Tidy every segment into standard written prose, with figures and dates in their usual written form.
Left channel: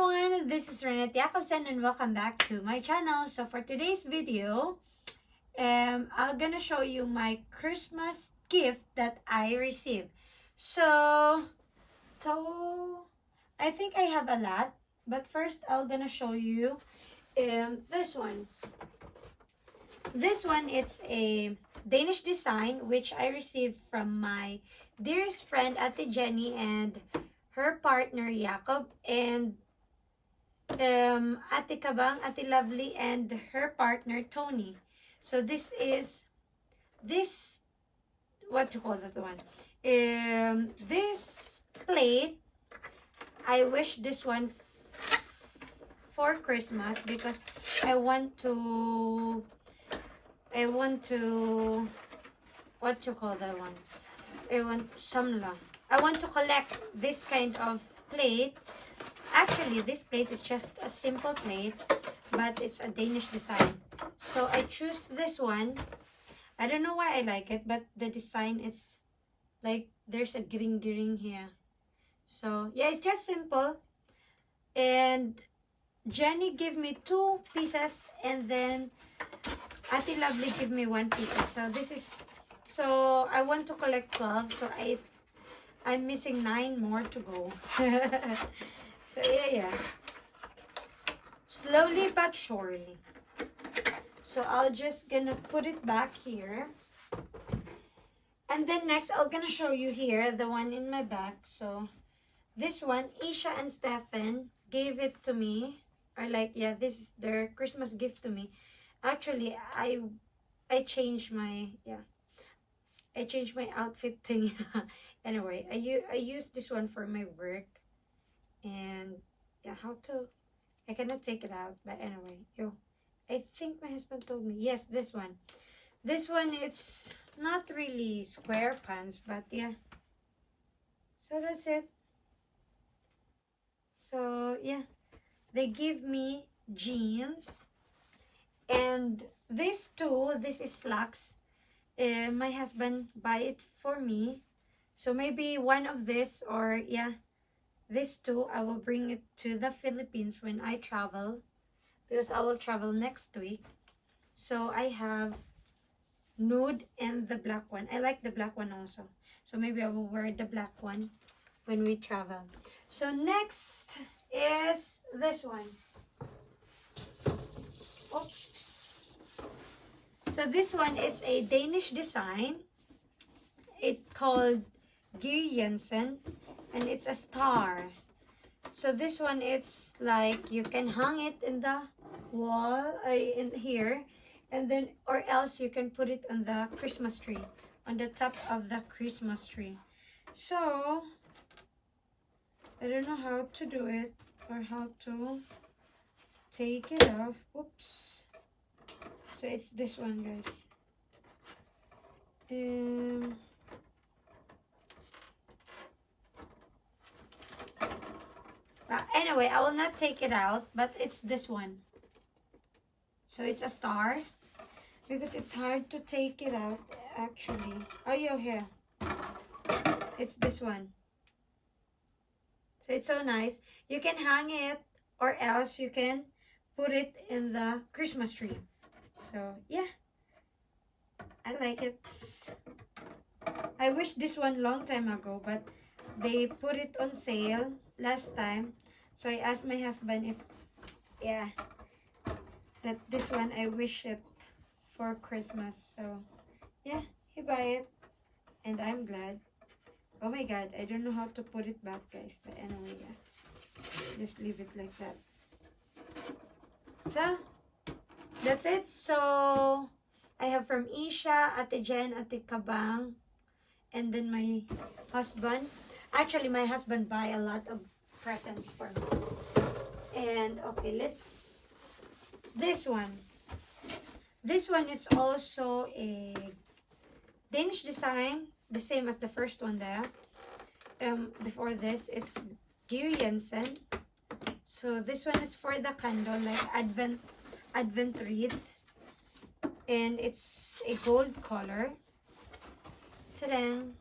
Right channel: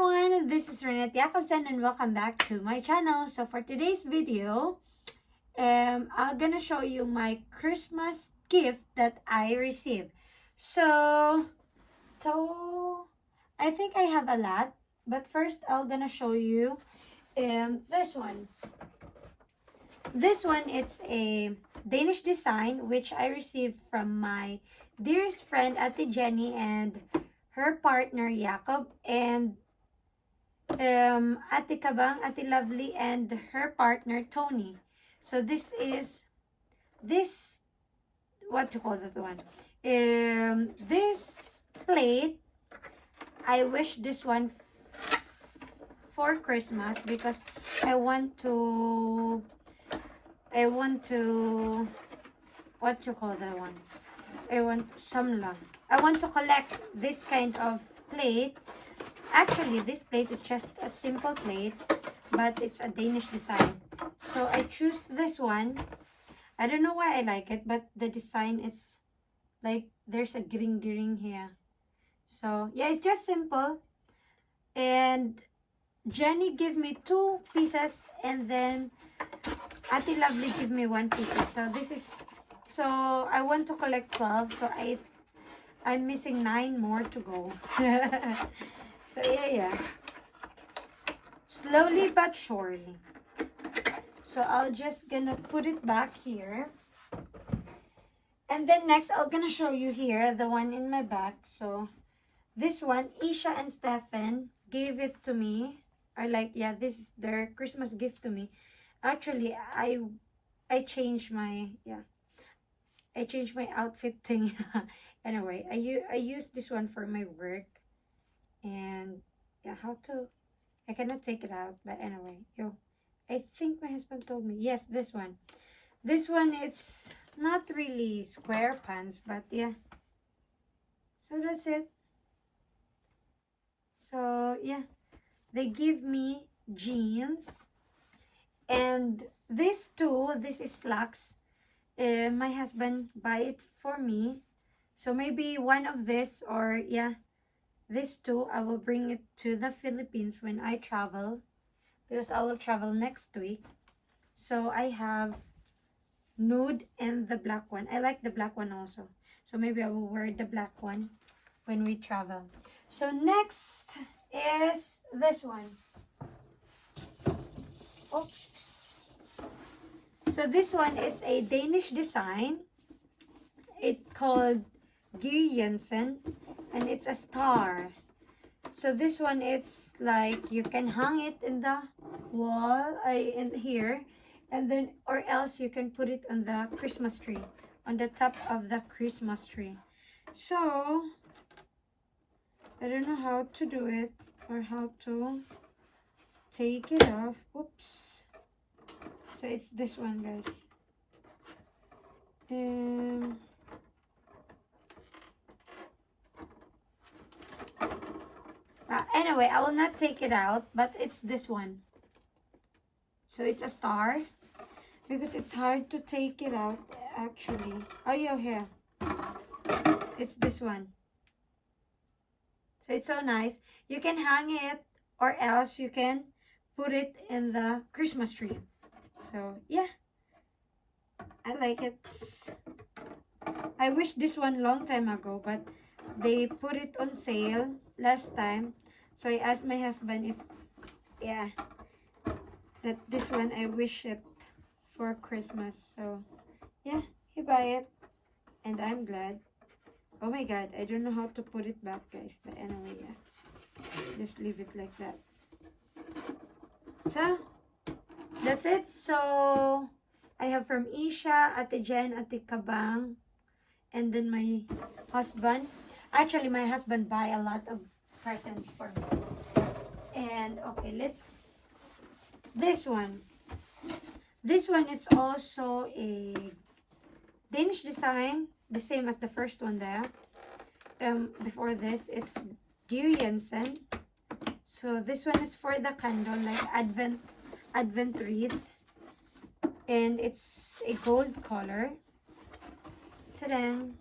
everyone, this is Renette Jacobsen and welcome back to my channel. So for today's video, I'm gonna show you my Christmas gift that I received. So I think I have a lot, but first I'm gonna show you this one. This one, it's a Danish design which I received from my dearest friend Ate Jenny and her partner Jacob, and Ate Kabang, Ate Lovely, and her partner Tony. So this is what to call that one? This plate, I wish this one for Christmas because I want to what to call that one? I want to collect this kind of plate. Actually, this plate is just a simple plate, but it's a Danish design. So I choose this one. I don't know why I like it, but the design, it's like there's a gring here. So yeah, it's just simple. And Jenny gave me 2 pieces, and then Ate Lovely gave me 1 piece. So I want to collect 12. So I'm missing 9 more to go. So yeah. Slowly but surely. So I'll just gonna put it back here. And then next, I'm gonna show you here the one in my bag. So this one, Isha and Stefan gave it to me. Or like, yeah, this is their Christmas gift to me. Actually, I changed my outfit thing. Anyway, I use this one for my work. And yeah, I cannot take it out, but anyway, I think my husband told me, yes, this one, it's not really square pants, but yeah, so that's it. So yeah, they give me jeans, and this is slacks. My husband buy it for me, so maybe one of this, or yeah, this 2, I will bring it to the Philippines when I travel, because I will travel next week. So I have nude and the black one. I like the black one also. So maybe I will wear the black one when we travel. So next is this one. Oops. So this one, it's a Danish design. It's called Geir Jensen, and it's a star. So this one, it's like you can hang it in the wall, in here, and then, or else you can put it on the Christmas tree, on the top of the Christmas tree. So I don't know how to do it or how to take it off. Oops. So it's this one, guys. Anyway, I will not take it out, but it's this one. So it's a star, because it's hard to take it out actually. Oh yeah, here. It's this one. So it's so nice. You can hang it, or else you can put it in the Christmas tree. So yeah, I like it. I wish this one long time ago, but they put it on sale last time. So I asked my husband if, yeah, that this one, I wish it for Christmas. So yeah, he buy it, and I'm glad. Oh my god, I don't know how to put it back, guys, but anyway, yeah, just leave it like that. So that's it. So I have from Isha, Ate Jen, Ate Kabang, and then my husband. Actually, my husband buy a lot of presents for me. And okay, this one, it's also a Danish design, the same as the first one there. Before this, it's Geir Jensen. So this one is for the candle, like advent wreath, and it's a gold color. So then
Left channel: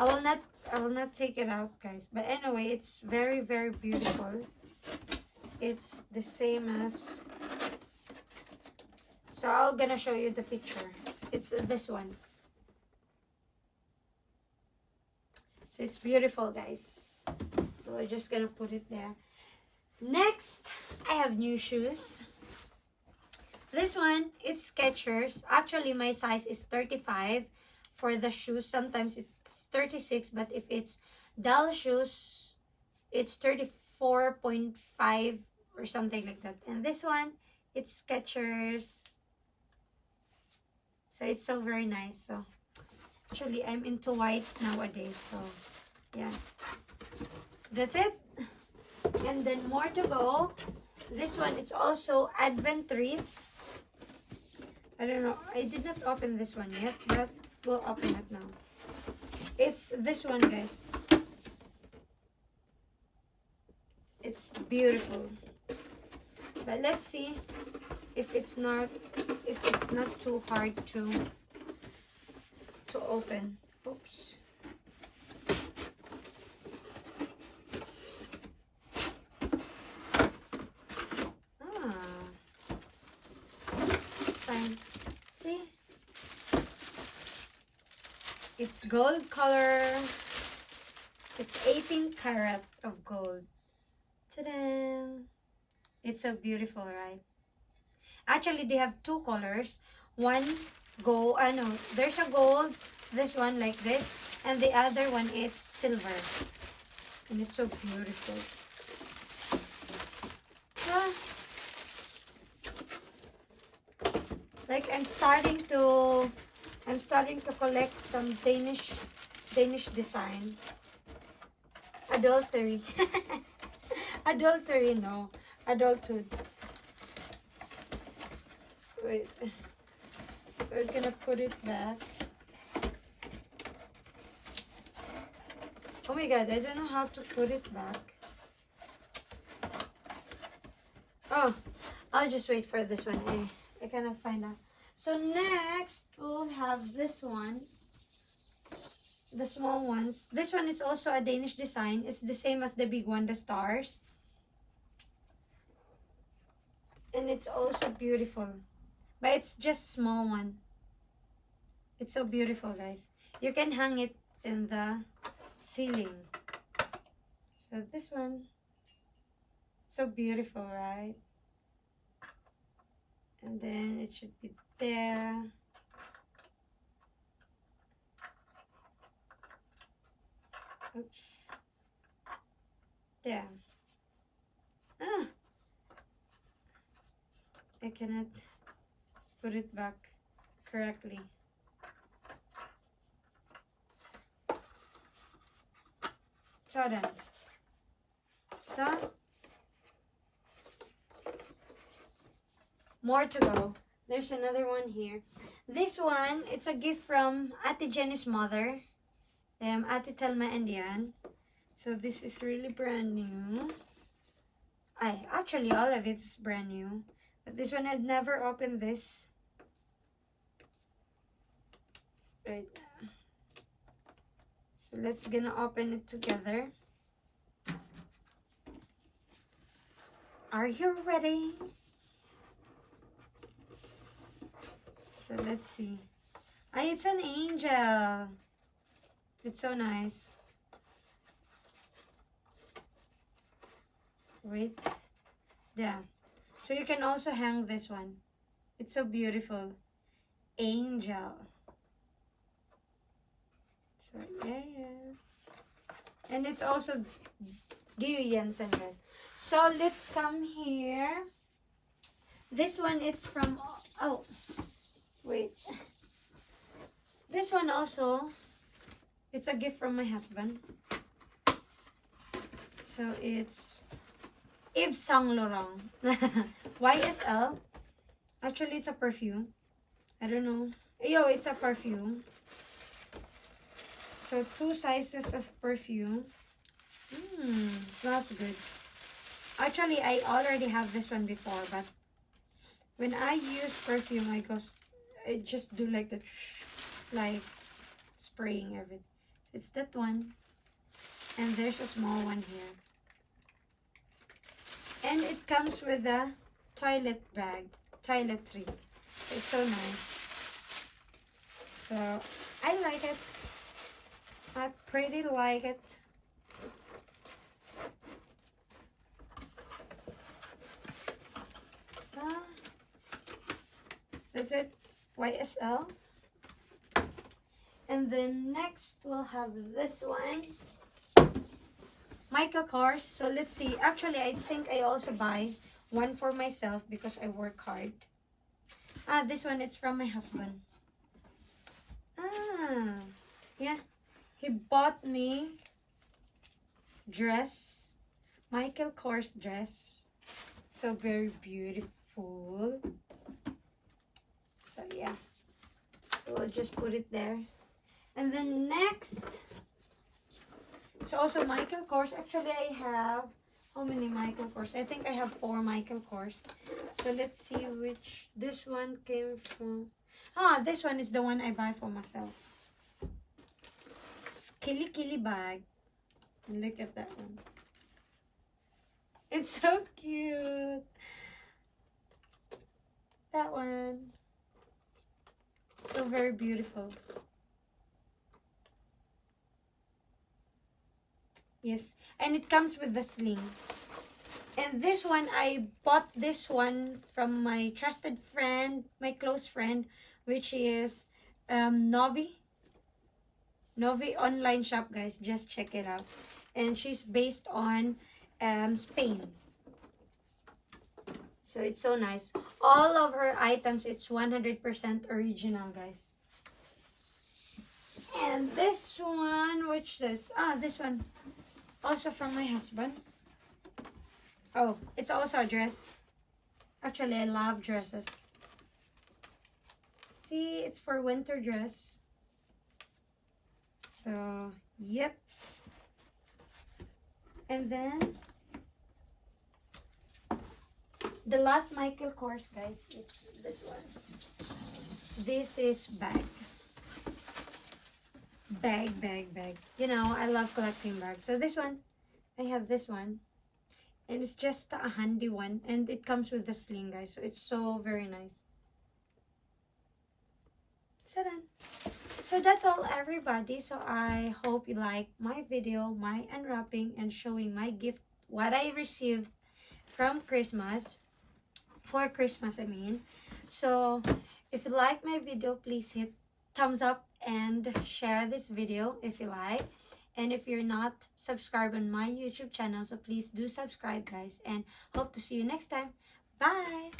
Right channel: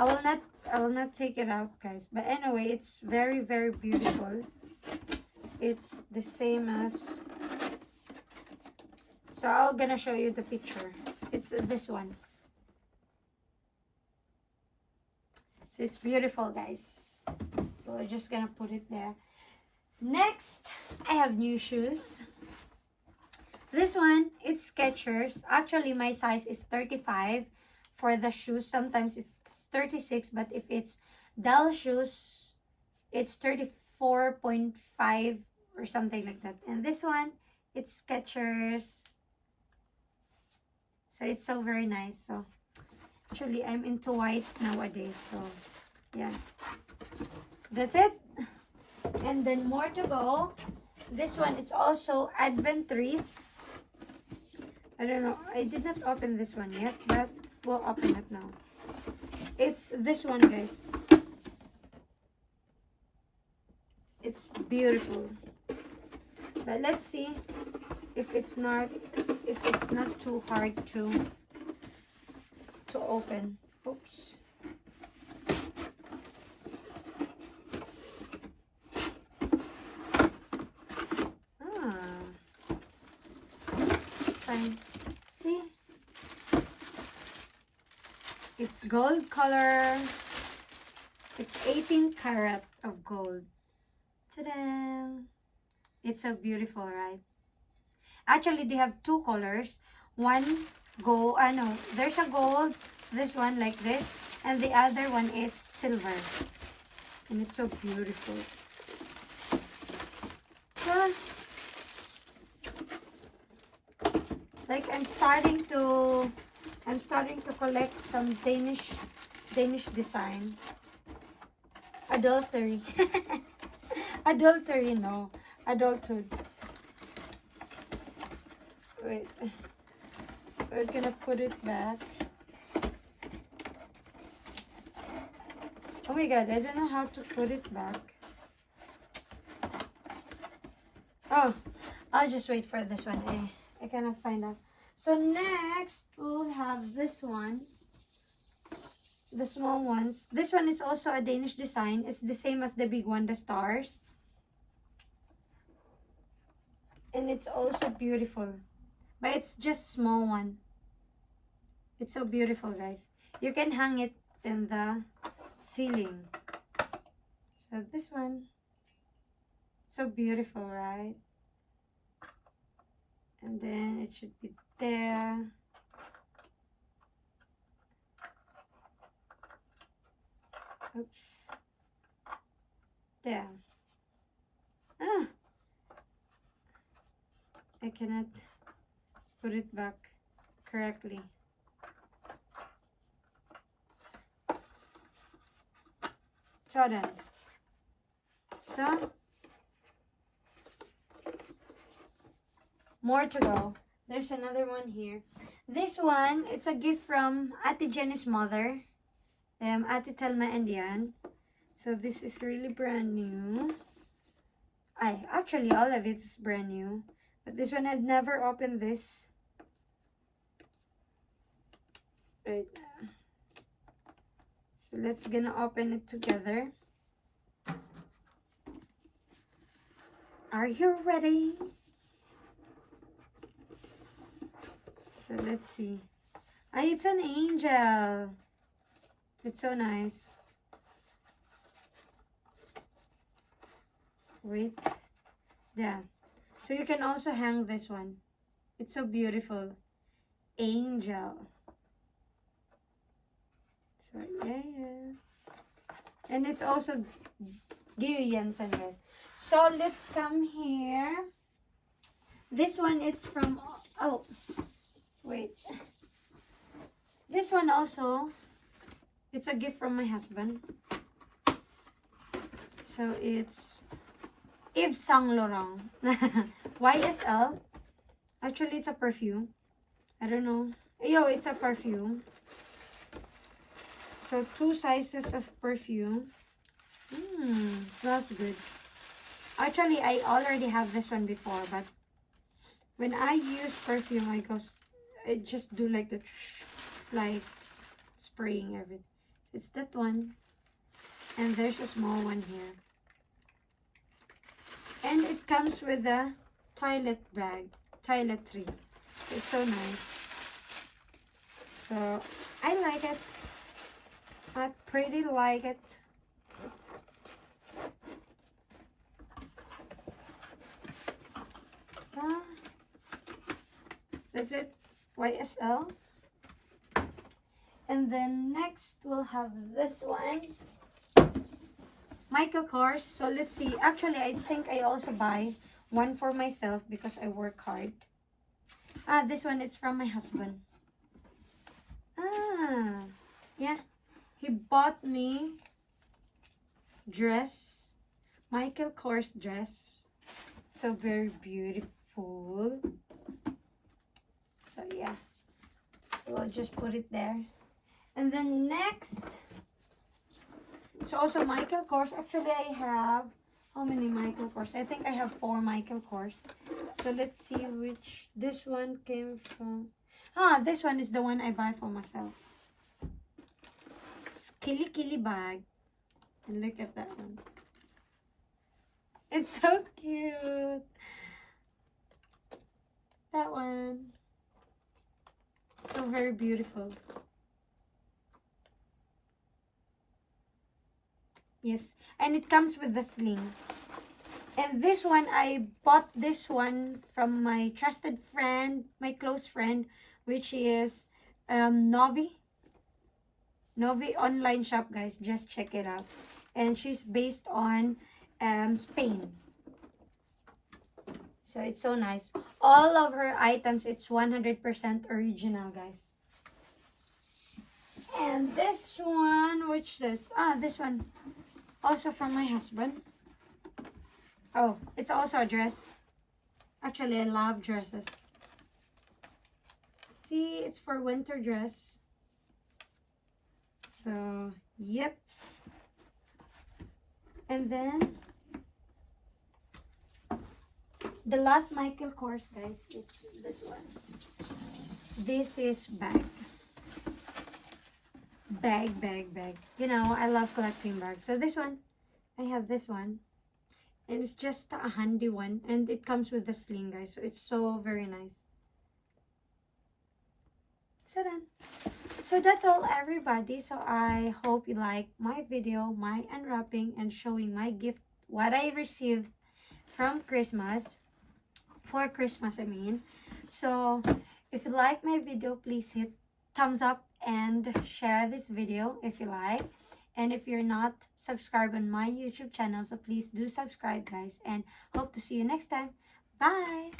I will not take it out, guys, but anyway, it's very, very beautiful. It's the same as, so I'm gonna show you the picture. It's this one. So it's beautiful, guys. So we're just gonna put it there. Next, I have new shoes. This one, it's Skechers. Actually, my size is 35 for the shoes. Sometimes it's 36, but if it's doll shoes, it's 34.5 or something like that. And this one, it's Skechers. So it's so very nice. So actually, I'm into white nowadays. So yeah, that's it. And then more to go. This one is also Advent wreath. I don't know. I did not open this one yet, but we'll open it now. It's this one, guys. It's beautiful. But let's see if it's not too hard to open. Oops. Fine. See? It's gold color. It's 18 karat of gold. Ta-da! It's so beautiful, right? Actually, they have two colors. One gold, no, there's a gold, this one like this, and the other one is silver. And it's so beautiful. So, like I'm starting to collect some Danish design. Adultery. Adultery, no. Adulthood. Wait. We're gonna put it back. Oh my god, I don't know how to put it back. Oh, I'll just wait for this one. I cannot find out. So next, we'll have this one. The small ones. This one is also a Danish design. It's the same as the big one, the stars. And it's also beautiful. But it's just small one. It's so beautiful, guys. You can hang it in the ceiling. So this one. So beautiful, right? And then it should be there. Oops. There. Ah. I cannot put it back correctly. So then. So more to go. There's another one here. This one, it's a gift from Ate Jenny's mother. Ate Telma and Yan. So this is really brand new. Actually all of it is brand new. But this one, I've never opened this. Right now. So let's gonna open it together. Are you ready? So let's see. It's an angel. It's so nice. Wait. Yeah. So you can also hang this one. It's so beautiful. Angel. So yeah. And it's also Georg Jensen, guys. So let's come here. This one is from, oh, wait. This one also, it's a gift from my husband. So it's Yves Saint Laurent. YSL. Actually, it's a perfume. I don't know. It's a perfume. So 2 sizes of perfume. Smells good. Actually, I already have this one before, but when I use perfume, I just do like the, it's like spraying everything. It's that one. And there's a small one here. And it comes with a toilet bag, toiletry. It's so nice. So I like it. I pretty like it. So that's it. YSL. And then next we'll have this one. Michael Kors. So let's see. Actually, I think I also buy one for myself because I work hard. This one is from my husband. Yeah. He bought me dress. Michael Kors dress. So very beautiful. So yeah. So we'll just put it there. And then next, it's also Michael Kors. Actually, I have, how many Michael Kors? I think I have 4 Michael Kors. So let's see which, this one came from, this one is the one I buy for myself. It's Kili bag. And look at that one. It's so cute. That one. So very beautiful. Yes, and it comes with the sling. And this one, I bought this one from my trusted friend, my close friend, which is Novi. Novi online shop, guys. Just check it out. And she's based on Spain. So it's so nice. All of her items, it's 100% original, guys. And this one, which is, this one, also from my husband. Oh, it's also a dress. Actually, I love dresses. See, it's for winter dress. So, yep. And then, the last Michael Kors, guys, it's this one. This is bag. Bag. You know, I love collecting bags. So this one, I have this one. And it's just a handy one. And it comes with the sling, guys. So it's so very nice. So done. So that's all, everybody. So I hope you like my video, my unwrapping, and showing my gift, what I received from Christmas. For Christmas, I mean. So if you like my video, please hit thumbs up and share this video if you like. And if you're not subscribed on my YouTube channel, so please do subscribe, guys. And hope to see you next time. Bye!